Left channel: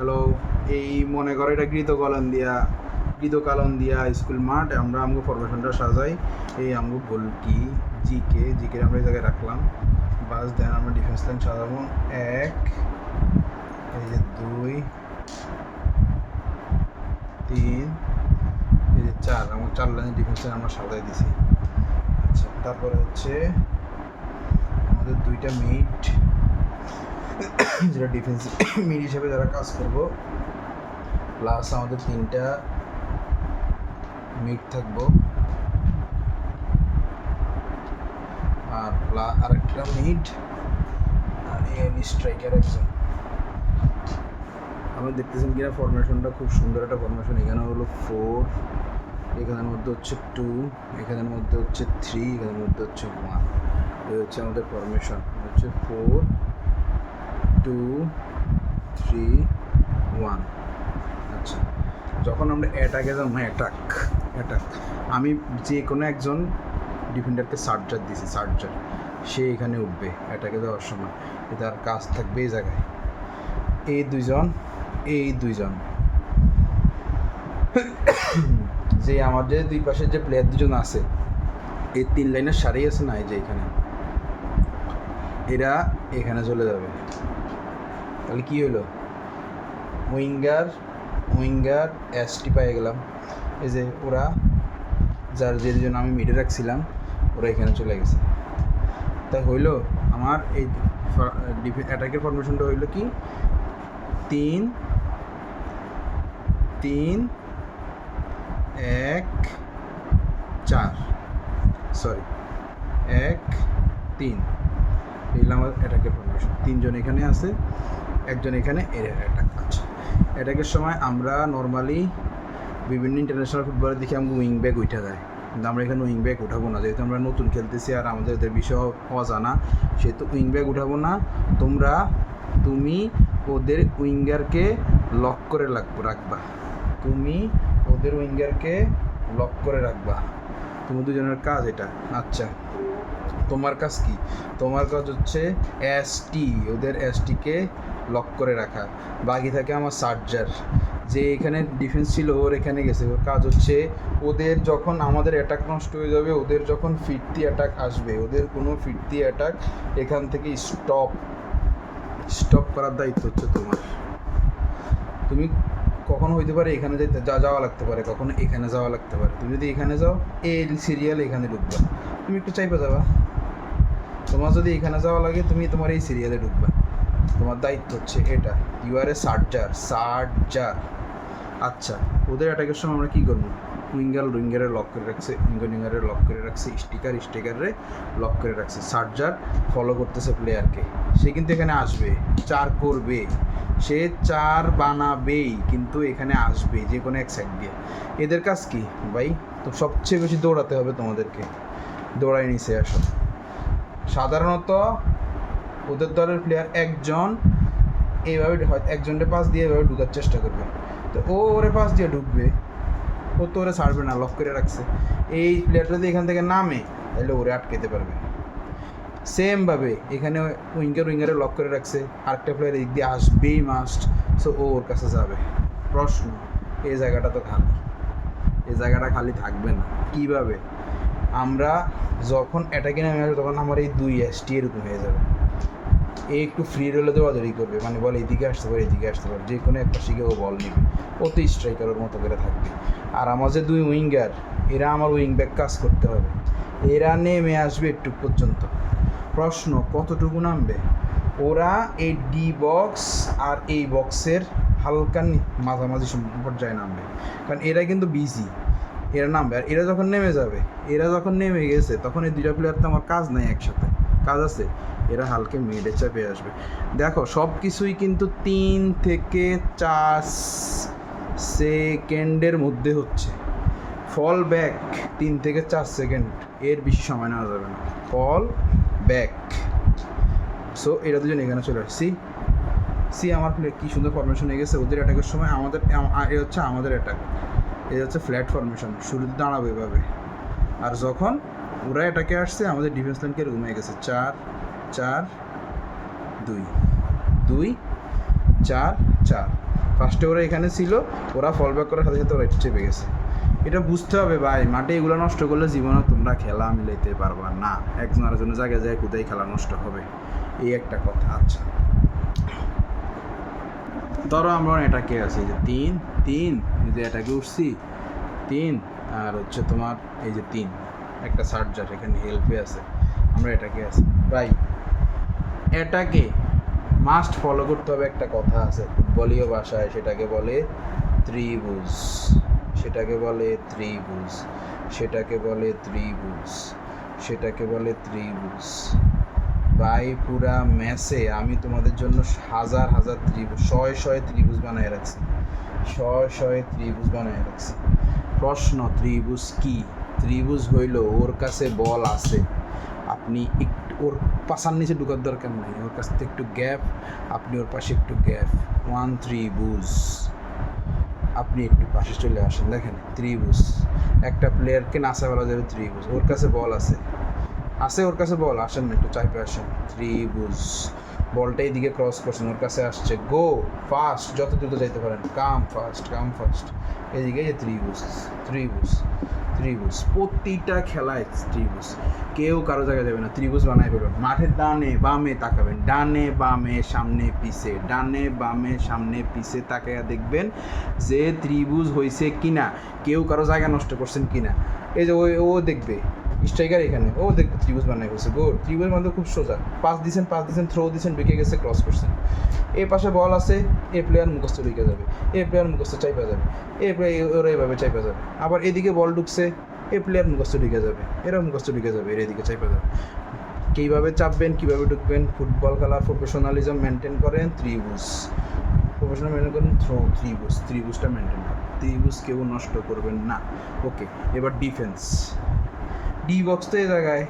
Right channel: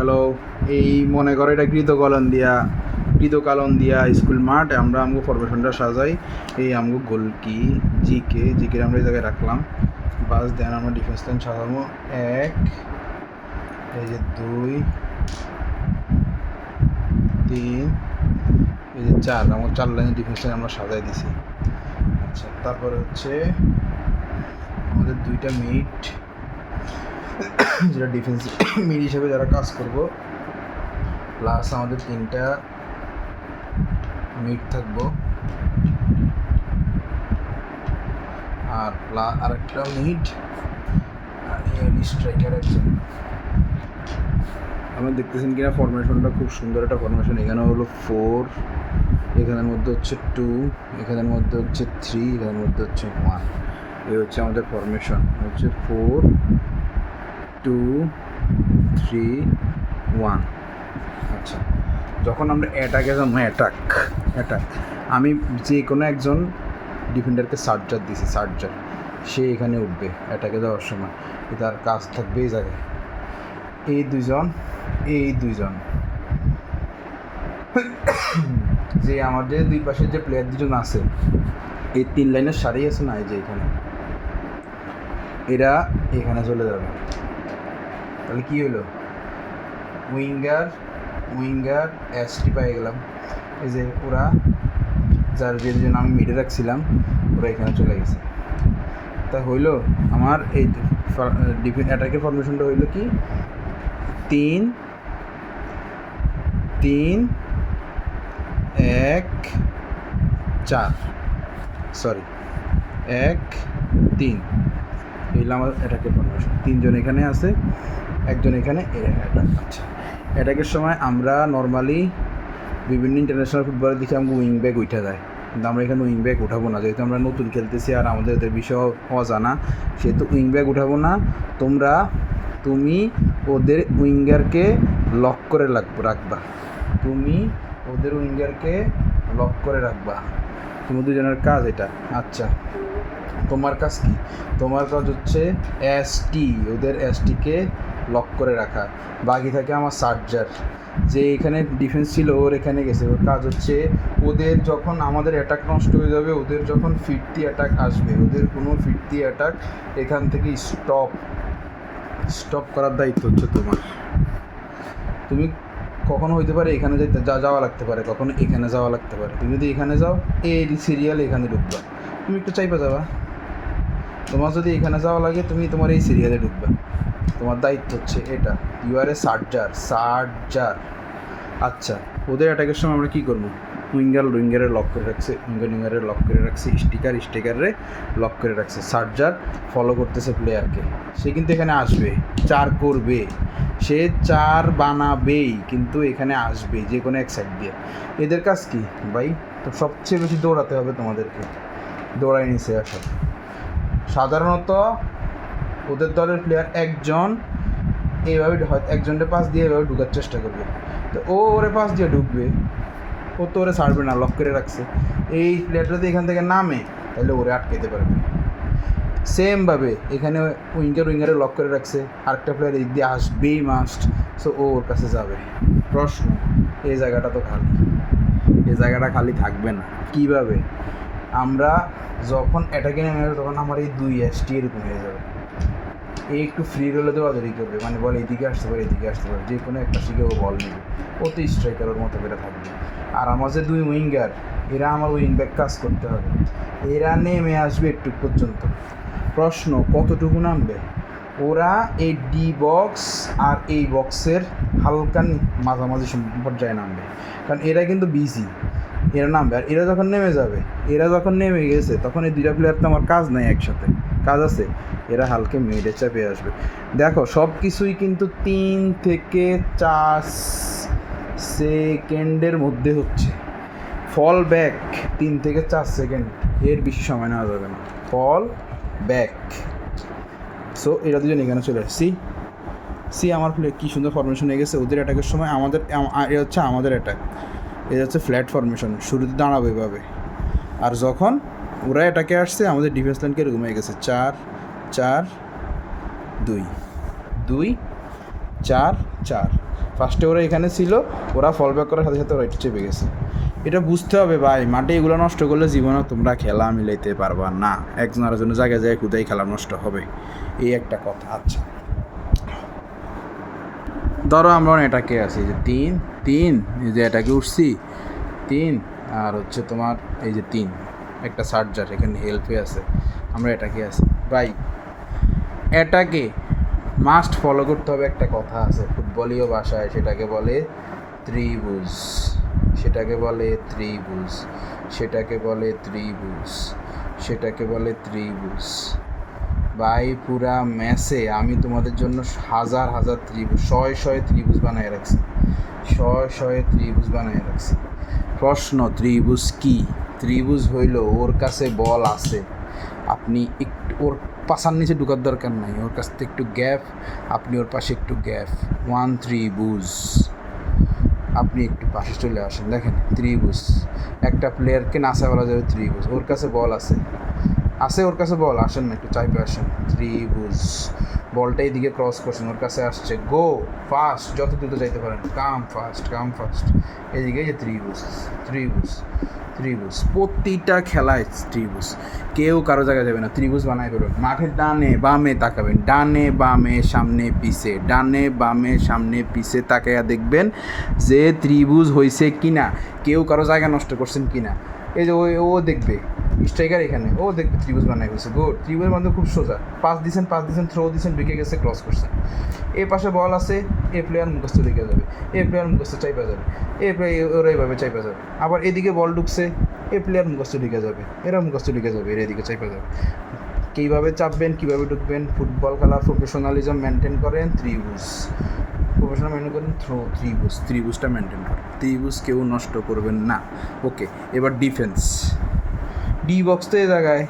Hello. এই মনে করে এটা কৃতকালন দিয়া স্কুল মাঠ। আমরা আমগো ফরমেশনটা সাজাই। এই আমগো গোলকি জিকে আমরা এই জায়গায় রাখলাম। বাস দেন আমরা ডিফেন্স লাইন সাজাবো। 1, এই যে 2, 3, এই যে 4। আমার 4 লাইনের ডিফেন্স লাইন আমরা সাজাই দিছি। আচ্ছা, তারপরে হচ্ছে আমাদের 2টা মিড, যেটা ডিফেন্স মিড হিসেবে যারা কাজ করবো, প্লাস আমাদের 3টা মিড থাকবো, আর আরেকটা মিড, আর স্ট্রাইকার একজন। আমি দেখতেছেন কিনা ফরমেশনটা খুব সুন্দর একটা ফরমেশন। এখানে হলো 4, এখানের মধ্যে হচ্ছে 2, এখানের মধ্যে হচ্ছে 3, এখানের মধ্যে হচ্ছে 1। এই হচ্ছে আমাদের ফরমেশন, হচ্ছে 4, 2, 3, 1। আচ্ছা, যখন আমরা অ্যাটাকে যাবো, অ্যাটাক আমি যে কোনো একজন ডিফেন্ডারকে সার্জার দিছি, সে এখানে উঠবে অ্যাটাকে যাওয়ার সময়। তার কাজ থাকবে এই জায়গায়, এই দুইজন যে আমাদের দুই পাশের যে প্লেয়ার দুজন আছে, এই 3 লাইনের সারি আছে না, এই যে এখানে, এরা এখানে চলে যাবে। তাহলে কি হলো, উইঙ্গার এসটি পেয়ে গেলাম। এই যে ওরা যে দুজন আমি মিডে রাখছিলাম, ওরা এখানে চলে গেছে। তা হইলো আমার এই অ্যাটাকের ফরমেশনটা হইলো কি, 3, 1, 4, 1, 3। এইগুলো আমার অ্যাটাকের ফরমেশন। 3 জন এখানে আছে, একজন এখানে অ্যাটাক করছে। অ্যাটাকের সময় আমরা নর্মালি বিভিন্ন ইন্টারন্যাশনাল ফুটবলের দিকে আমরা উইং ব্যাক উঠে যায়, কিন্তু আমরা এখানে উইং ব্যাক উঠাবো না, যেহেতু আমরা নতুন খেলতেছি আর আমাদের ওদের বিষয় অজানা, সেহেতু উইং ব্যাক উঠাবো না। তুমি ওদের উইঙ্গারকে লক করে রাখবা। তুমি দুজনের কাজ এটা। আচ্ছা, তোমার কাজ কি? তোমার কাজ হচ্ছে ওদের এসটিকে লক করে রাখা। বাকি থাকে আমার সার্জার, যে এখানে ডিফেন্স ছিল, ওর এখানে গেছে। ওর কাজ হচ্ছে ওদের যখন আমাদের অ্যাটাক নষ্ট হয়ে যাবে, ওদের যখন ফিরতি অ্যাটাক আসবে, ওদের কোনো ফিরতি অ্যাটাক এখান থেকে স্টপ করার দায়িত্ব হচ্ছে তোমার। তুমি কখনো হইতে পারে এখানে যাওয়া লাগতে পারে, কখনো এখানে যাওয়া লাগতে পারে। তুমি যদি এখানে যাও, এই সিরিয়াল এখানে ঢুকবা, তুমি একটু চাইবা যাবা। তোমার যদি এখানে যাওয়া লাগে, তুমি তোমার এই সিরিয়ালে ঢুকবা। তোমার দায়িত্ব হচ্ছে এটা। You are a surgeon. আচ্ছা, ওদের অ্যাটাকের সময় আমরা কী করবো? উইঙ্গারে লক করে রাখছে, উইঙ্গারে লক করে রাখছে, স্টিকারে লক করে রাখছে। সার্জার ফলো করতেছে প্লেয়ারকে। সে কিন্তু এখানে আসবে, 4 করবে, সে 4 বানাবেই, কিন্তু এখানে আসবে যে কোনো এক সাইড দিয়ে। এদের কাজ কি ভাই? তো সবচেয়ে বেশি দৌড়াতে হবে তোমাদেরকে। দৌড়াই নিচে আসো। সাধারণত ওদের দলের প্লেয়ার একজন এইভাবে হয়তো একজনকে পাস দিয়ে এভাবে ঢুকার চেষ্টা করবে, তো ওরে পাস দিয়ে ঢুকবে, ও তো ওরে ছাড়বে না, লক করে রাখছে। এই প্লেয়ারটা যদি এখান থেকে নামে, তাহলে ওরে আটকাতে পারবে। সেমভাবে এখানে উইঙ্গারে লক করে রাখছে, আরেকটা প্লেয়ার এই দিয়ে আসবেই মাস্ট, সো ও ওর কাছে যাবে। প্রশ্ন, এই জায়গাটা তো খালি, এই জায়গাটা খালি থাকবে না। কীভাবে? আমরা যখন অ্যাটাকে নেমে যাবে, তখন আমার এই 2 এসটি এরকম হয়ে যাবে। এই একটু ফ্রি রোলে দৌড়াদৌড়ি করবে, মানে বল এদিকে আসতে পারে, যে কোনো একটা শিখে ও বল নেবে, ও তো স্ট্রাইকারের মতো করে থাকবে। আর আমার যে 2 উইঙ্গার, এরা আমার উইং ব্যাক কাজ করতে হবে। এরা নেমে আসবে একটু পর্যন্ত। প্রশ্ন, কতটুকু নামবে? ওরা এই ডি বক্স আর এই বক্সের হালকা মাঝামাঝি পর্যায়ে নামবে, কারণ এরা কিন্তু বিজি। এরা নামবে, আর এরা যখন নেমে যাবে, এরা যখন নেমে গেছে, তখন এই 2টা প্লেয়ার তো আমার কাজ নেই, একসাথে কাজ আছে। এরা হালকা মিডে চাপে আসবে। দেখো, সব কিছুই কিন্তু 3 থেকে 4 সেকেন্ডের মধ্যে হচ্ছে। ফল ব্যাক 3 থেকে 4 সেকেন্ড, এর বেশি সময় নেওয়া যাবে না। ফল ব্যাক। সো এরা দুজন এখানে চলে আসছি। আমার প্লে কী সুন্দর ফরমেশন হয়ে গেছে। ওদের অ্যাটাকের সময় এ হচ্ছে আমাদের অ্যাটাক, এটা হচ্ছে ফ্ল্যাট ফরমেশন, শুরুতে দাঁড়াবে এভাবে। আর যখন ওরা অ্যাটাকে আসছে, আমাদের ডিফেন্স লাইনকে এরকম হয়ে গেছে, 4, 4, 2, 2, 4, 4। ফার্স্টে ওরা এখানে ছিল, ওরা ফল ব্যাক করার সাথে সাথে ওরা একটু চেপে গেছে। এটা বুঝতে হবে ভাই, মাঠে এগুলো নষ্ট করলে জীবনে তোমরা খেলা মিলাইতে পারবা না, একজন আরেকজনের জায়গায় যায় কোথায় খেলা নষ্ট হবে, এই একটা কথা। আচ্ছা ধরো আমরা এটাকে আছি যে 3 3, এই যে এটাকে উঠছি 3, আর হচ্ছে তোমার এই যে 3, একটা চার্জার এখানে হেল্পে আছে, আমরা এটাকে আছি ভাই। এটাকে মাস্ট ফলো করতে হবে, একটা কথা আছে ফুটবলীয় ভাষায়, সেটাকে বলে ত্রিভুজ, সেটাকে বলে ত্রিভুজ, সেটাকে বলে ত্রিভুজ, সেটাকে বলে ত্রিভুজ। ভাই পুরা ম্যাচে আমি তোমাদের জন্য হাজার হাজার ত্রিভুজ, শয়ে শয়ে ত্রিভুজ বানিয়ে রাখছি, শয়ে শয়ে ত্রিভুজ বানিয়ে রাখছি। প্রশ্ন, ত্রিভুজ কি? ত্রিভুজ হইল ওর কাছে বল আছে, আপনি একটু ওর পাশার নিচে ঢুকার দরকার নাই, ওর কাছ থেকে একটু গ্যাপ, আপনি ওর পাশে একটু গ্যাপ, 1 ত্রিভুজ, আপনি একটু পাশে চলে আসেন। দেখেন ত্রিভুজ, একটা প্লেয়ারকে নাচা বলা যাবে ত্রিভুজ, ওর কাছে বল আছে, ওর কাছে বল, আসেন না একটু চাইপে আসেন, ত্রিভুজ। বলটা এইদিকে ক্রস করছেন, ওর কাছে আসছে, গো ফাস্ট, যত দ্রুত যাইতে পারেন, কাম ফাস্ট, এদিকে যে ত্রিভুজ, ত্রিভুজ, ত্রিভুজ, প্রতিটা খেলায় ত্রিভুজ, কেউ কারো জায়গায় যাবে না, ত্রিভুজ বানায় ফেলবেন। মাঠের ডানে বামে তাকাবেন, ডানে বামে সামনে পিছে, ডানে বামে সামনে পিছে তাকাইয়া দেখবেন যে ত্রিভুজ হয়েছে কিনা, কেউ কারো জায়গা নষ্ট করছেন কিনা। এই যে ও দেখবে স্ট্রাইকার এখানে, ও দেখবে ত্রিভুজ বানাই হয়েছে, গুড। ত্রিভুজ মানে খুব সোজা, পাস দিছেন, থ্রো দিছেন, ঢুকে গেছে, ক্রস করছেন। এ পাশে বল আছে, এ প্লেয়ার মুখস্থ ঢুকে যাবে, এ প্লেয়ার মুখস্থ চাইপা যাবে, এ প্লেয়ার ওরা এইভাবে চাইপা যাবে। আবার এদিকে বল ঢুকছে, এ প্লেয়ার মুখস্থ ঢুকে যাবে, এরা মুখস্থ ঢুকে যাবে, এর এদিকে চাইপা যাবে। কীভাবে চাপবেন, কীভাবে ঢুকবেন, ফুটবল খেলা প্রফেশনালিজম মেনটেন করেন, ত্রিভুজ প্রফেশনাল মেনটেন করেন, ত্রিভুজ, ত্রিভুজটা মেনটেন করেন, ত্রিভুজ কেউ নষ্ট করবেন না। ওকে, এবার ডিফেন্স, ডি বক্স তো এই জায়গায়,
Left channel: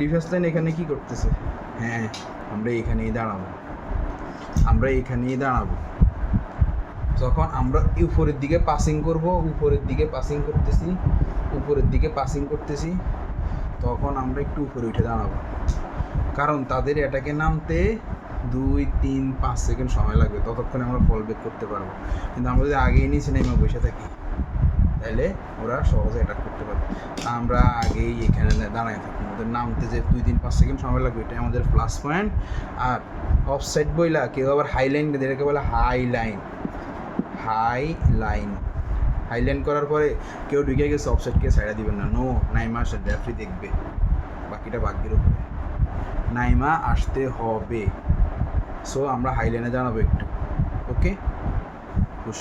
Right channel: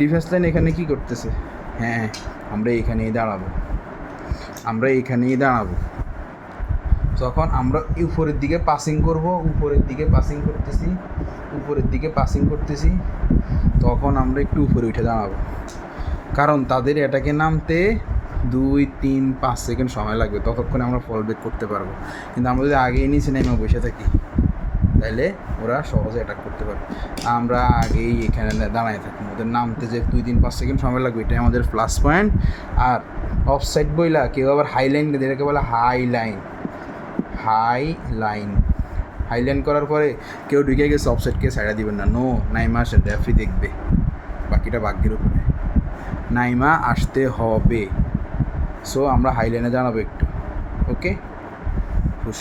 ডিফেন্স লাইন এখানে কী করতেছে? হ্যাঁ, আমরা এখানেই দাঁড়াবো, আমরা এখানেই দাঁড়াবো। যখন আমরা উপরের দিকে পাসিং করব, উপরের দিকে পাসিং করতেছি, উপরের দিকে পাসিং করতেছি, তখন আমরা একটু উপরে উঠে দাঁড়াবো, কারণ তাদের এটাকে নামতে 2, 3, 5 সেকেন্ড সময় লাগবে, ততক্ষণে আমরা ফল ব্যাক করতে পারবো। কিন্তু আমরা যদি আগেই নিচে নেমে বসে থাকি, তাহলে ওরা সহজে অ্যাটাক করতে পারবে। আমরা আগেই এখানে দাঁড়ায় থাকি, ওদের নামতে যে 2, 3, 5 সেকেন্ড সময় লাগবে, এটাই আমাদের প্লাস পয়েন্ট। আর অফসাইড বইলা কেউ আবার হাই লাইন, এটাকে বলে high line, high line. High line করার পরে কেউ ঢুকে গেছে, অফসাইডকে সাইডা দিবেন না, নো, নাইমা আসেন, রেফারি দেখবে, বাকিটা ভাগ্যের উপরে, নাইমা আসতে হবে। সো আমরা হাই লাইনে দাঁড়াবো একটু, ওকে, খুশ।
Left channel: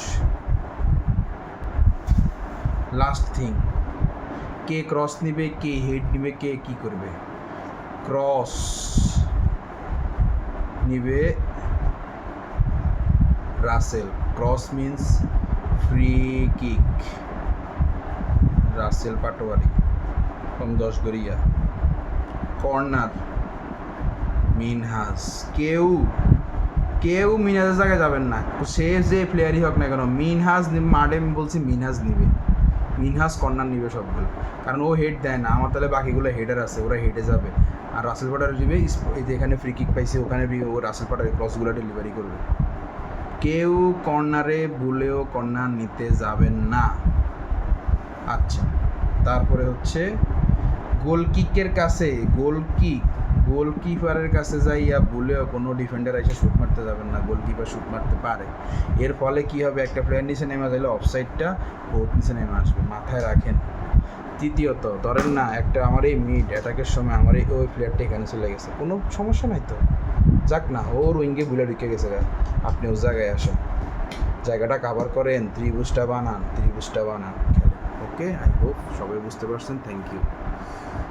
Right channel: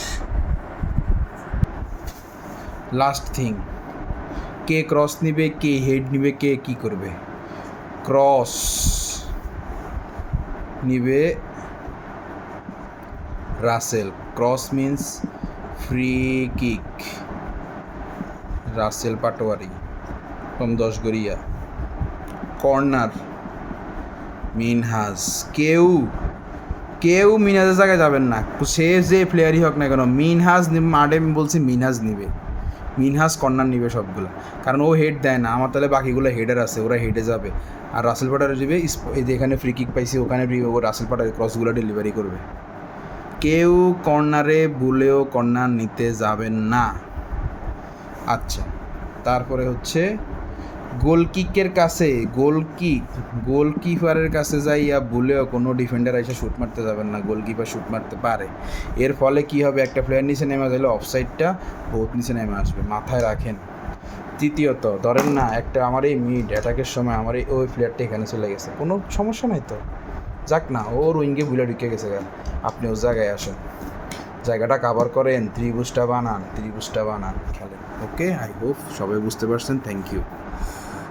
লাস্ট থিং, কে ক্রস নিবে, কে হেড নিবে, কে কী করবে? ক্রস নিবে Rasel, cross means free kick, Rasel Patwari from 10 গড়িয়া। কর্নার মিনহাজ, কেউ মিনহাজের জায়গায় যাবেন না, সে যে প্লেয়ারই হোক না কেন, মিনহাজ মাঠে বলছি, মিনহাজ নিবে, মিনহাজ কর্নার নিবে সবগুলো, কারণ ও হেড দেয় না, আমার তাহলে বাকিগুলো হেডার আছে, ওরা হেডে যাবে, আর রাসেল পাটারে দিবে, এই যেখানে ফ্রি কিক পাইছে ওখানে ও রাসেল পাটারে ক্রসগুলো ডেলিভারি করবে। কেউ কর্নারে ভুলেও কর্নার নিতে যাবেন না। আচ্ছা, তারপরে হচ্ছে গোলকিকের কাছে, গোলকিপারের কাছে যাইয়া ভুলেও কোনো ডিফেন্ডার এসে শ্যুট মারতে যাবেন না, গোলকিপার শ্যুট মারতে পারে। এর ফলে কি হবে, একটা প্লেয়ার নিচে নেমে গেলে অফসাইডটা বহুত নিচে নেমে আসবে, মাথায় রাখেন। তৃতীয়ত, ধরেন না একটা আমার এই মিড অ্যাটাকের সময় আমার ওই প্লেয়ারটা এখানে চলে গেছে, কোনো সমস্যা নাই তো, যাক না, ওর উইঙ্গে ভুলে ঢুকে গেছে, আপনি ওর জায়গায় আসেন, জায়গাটা কাভার করেন, ত্রিভুজটা বানান, খেলেন। ওকে, আই হোপ সবাই বুঝতে পারছেন। Thank you.